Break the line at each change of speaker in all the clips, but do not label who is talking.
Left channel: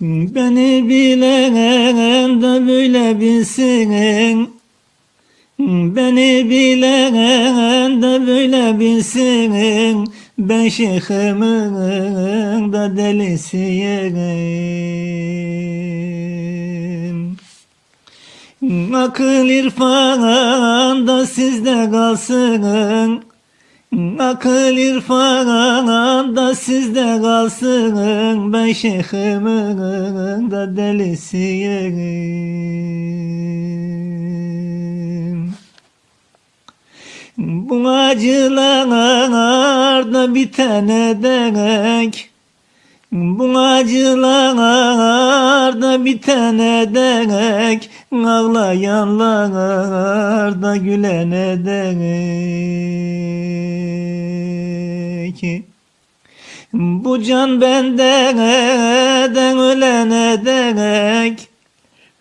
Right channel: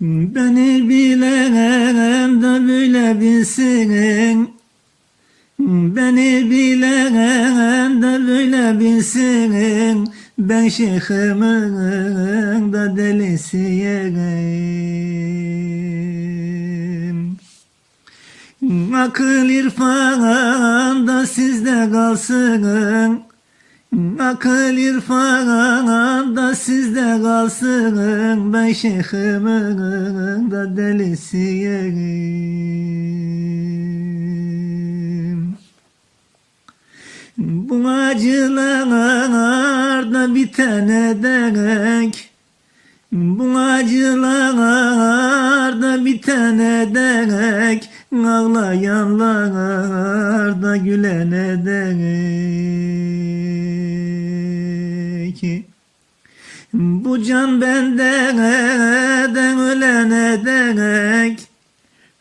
Beni bilen de böyle bilsin. Beni bilen de böyle bilsin. Ben şeyhimin da delisiyim. Akıl irfan da sizde kalsın Akıl irfan da sizde kalsın Ben şeyhimin da delisiyim Bu acılar da bitene dek bu acılar da bitene dek Ağlayanlar da gülene dek Bu can benden ölene dek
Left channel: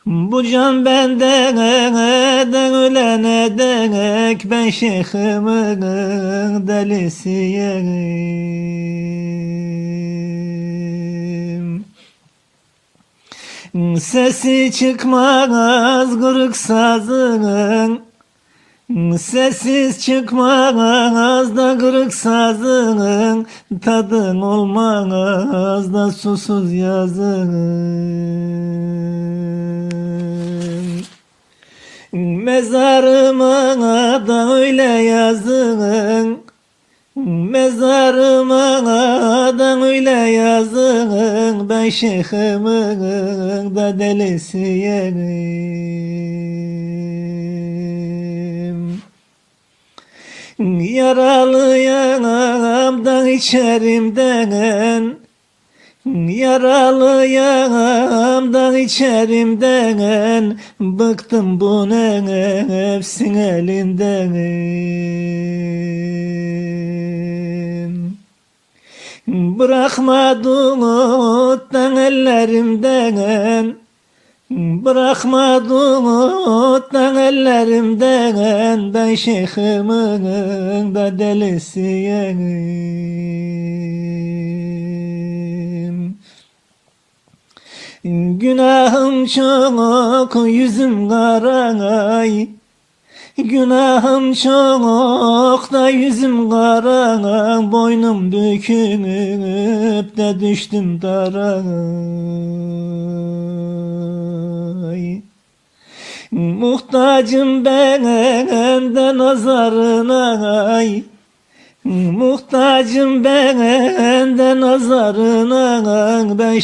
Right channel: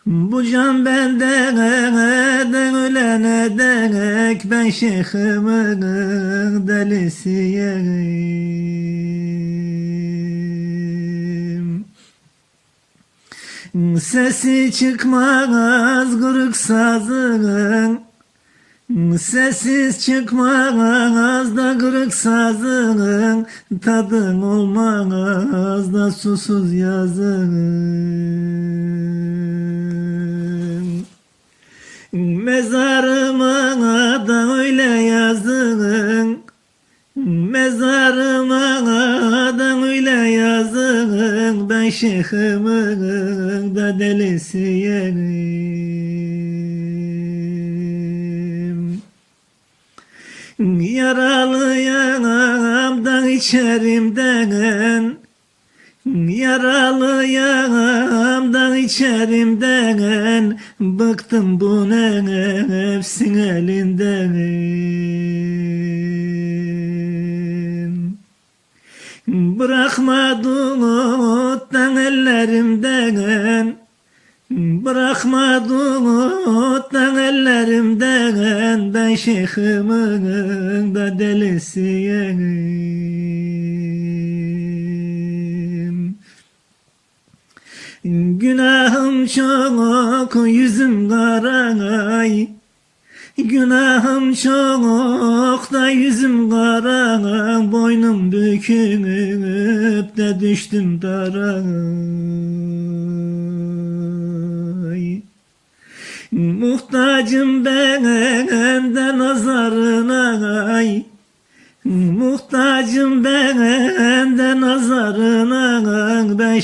bu can benden ölene dek Ben şeyhimin delisiyim Sesi çıkmaz kırık sazın Sessiz çıkmaz da kırık sazın Tadın olmaz da susuz yazın Mezarıma da öyle yazın Mezarıma da öyle yazın Ben şeyhimin da delisiyim Yaralıyam da içerimden Yaralıyam da içerimden Bıktım bu nefsin elinden Bırakma duttan ellerimden. Bırakma duttan ellerimden. Ben şeyhimin da delisiyim Günahım çok yüzüm karay Günahım çok da yüzüm kara Boynum bükülüp de düştüm dara. Muhtacım ben de nazarına Muhtacım ben de nazarına Ben